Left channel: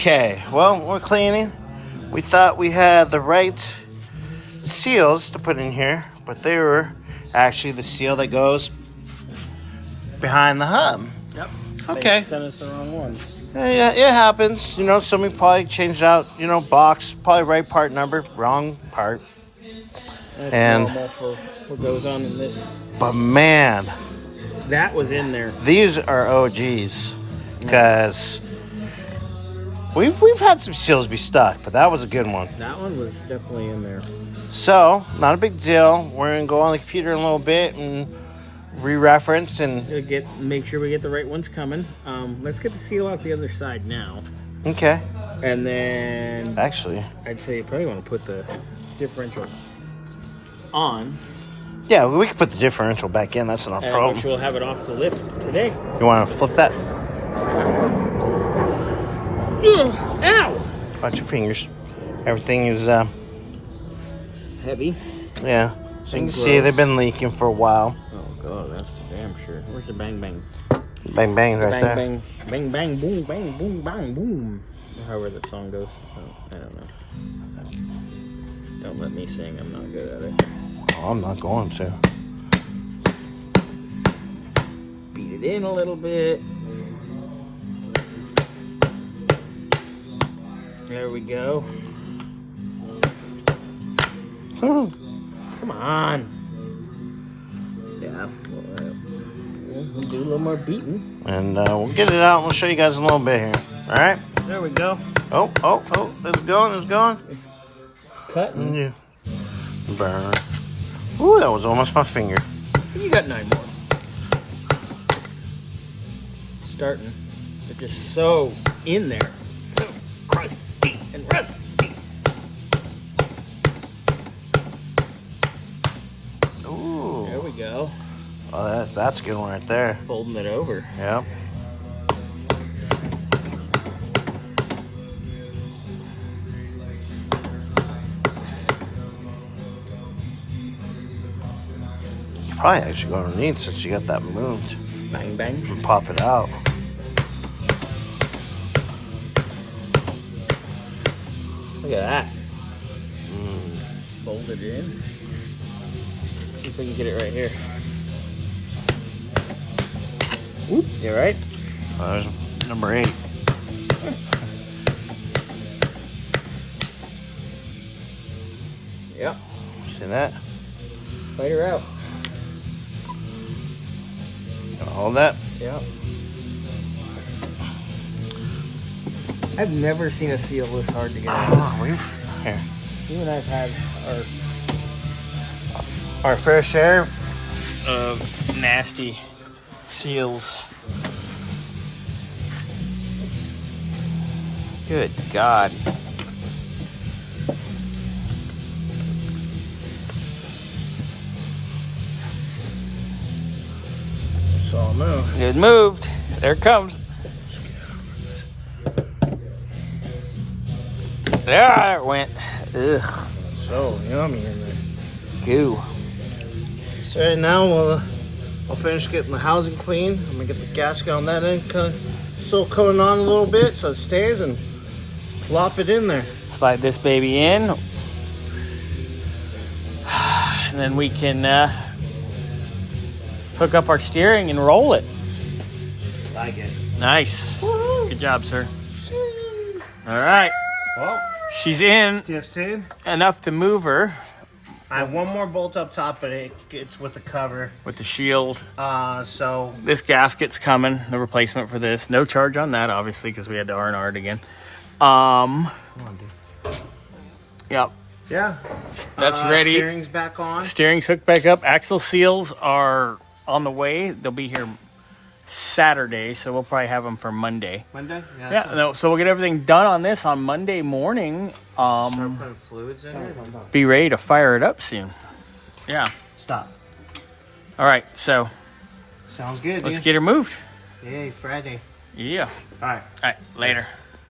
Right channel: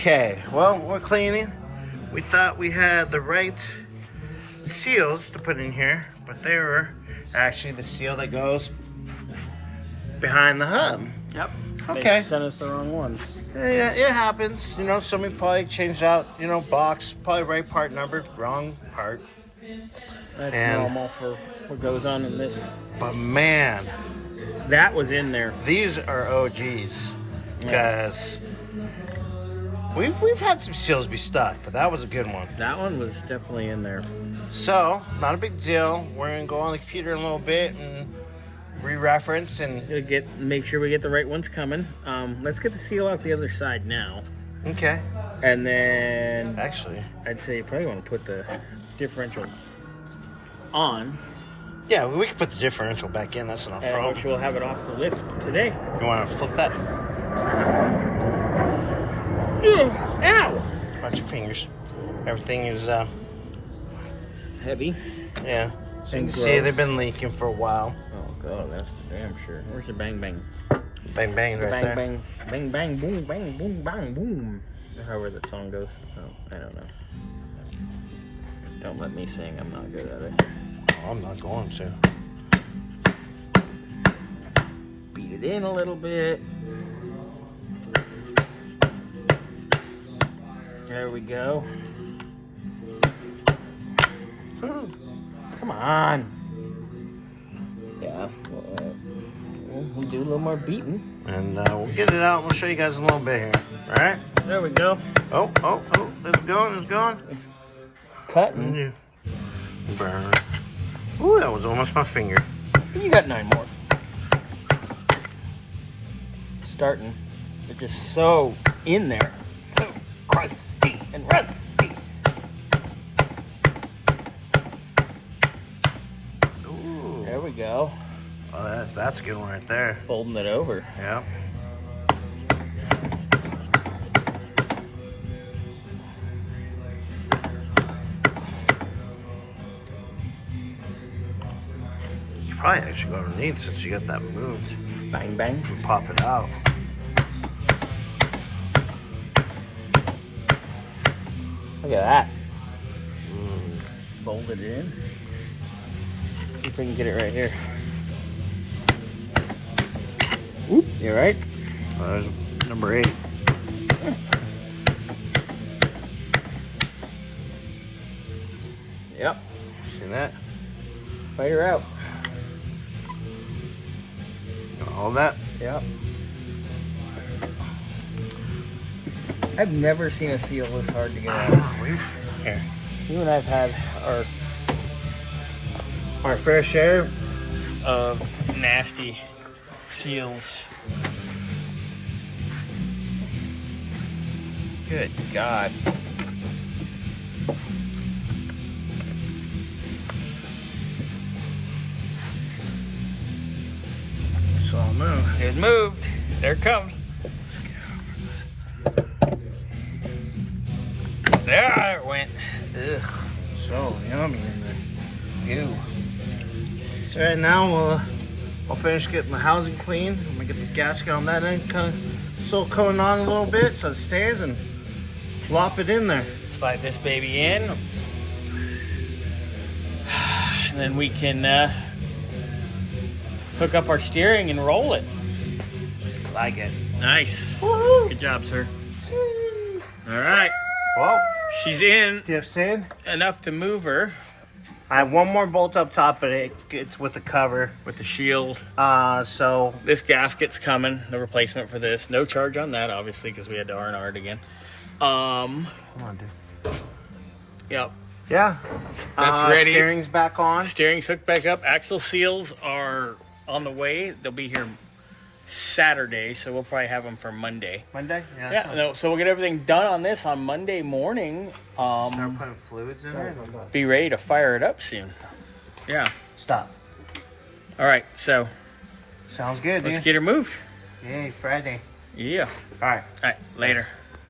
Okay, well, we're cleaning. We thought we had the right seals to put in here, but they were actually the seal that goes behind the hub. Yep. Okay. They sent us the wrong one. Yeah, it happens. You know, somebody probably changed out, box, probably right part number, wrong part. That's normal for what goes on in this. But man, that was in there. These are OGs because we've had some seals be stuck, but that was a good one. That one was definitely in there. So, not a big deal. We're gonna go on the computer in a little bit and re-reference and make sure we get the right ones coming. Let's get the seal out the other side now. Okay. And then actually, I'd say you probably want to put the differential on. Yeah, we could put the differential back in. That's not a problem. Which we'll have it off the lift today. You want to flip that? Ow! Watch your fingers. Everything is heavy. Yeah. So you can see they've been leaking for a while. Oh god, that's for damn sure. Where's the bang bang? Bang bang right bang, there. Bang bang bang boom bang boom bang boom. However that song goes. Oh, I don't know. Don't let me sing. I'm not good at it. Oh, I'm not going to. Beat it in a little bit. There we go. Come on. Yeah, we'll do a little more beating. And we'll get it out. We'll show you guys in a little bit here. All right? There we go. Oh. It's going. It's cutting. Yeah. Burn. Ooh, that was almost my finger. You got 9 more. Starting. It's just so in there. So crusty and rusty. Ooh. There we go. Oh, that's a good one right there. Folding it over. Yep. Probably actually go underneath since you got that moved. Bang bang. And pop it out. Look at that. Fold it in. See if we can get it right here. Whoop, you right? There's number 8. Yep. See that? Fight her out. Hold that. Yep. I've never seen a seal this hard to get out. Here. You and I've had our fair share of nasty seals. Good God. It's all moved. It moved. There it comes. There it went. Ugh. So yummy in there. Goo. So right now we'll finish getting the housing clean. I'm gonna get the gasket on that end, kind of still coating on a little bit so it stays, and plop it in there. Slide this baby in. And then we can hook up our steering and roll it. Like it. Nice. Good job, sir. All right. Well, she's in. Tiff's in. Enough to move her. I have one more bolt up top, but it's with the cover. With the shield. So this gasket's coming, the replacement for this. No charge on that, obviously, because we had to R&R it again. Come on, dude. Yep. Yeah. That's ready. Steering's back on. Steering's hooked back up. Axle seals are on the way. They'll be here Saturday, so we'll probably have them for Monday. Monday? Yeah. No, so we'll get everything done on this on Monday morning. Start putting fluids in there. Be ready to fire it up soon. Yeah. Stop. All right, so. Sounds good, Let's get her moved. Yay, Friday. Yeah. All right. All right, later.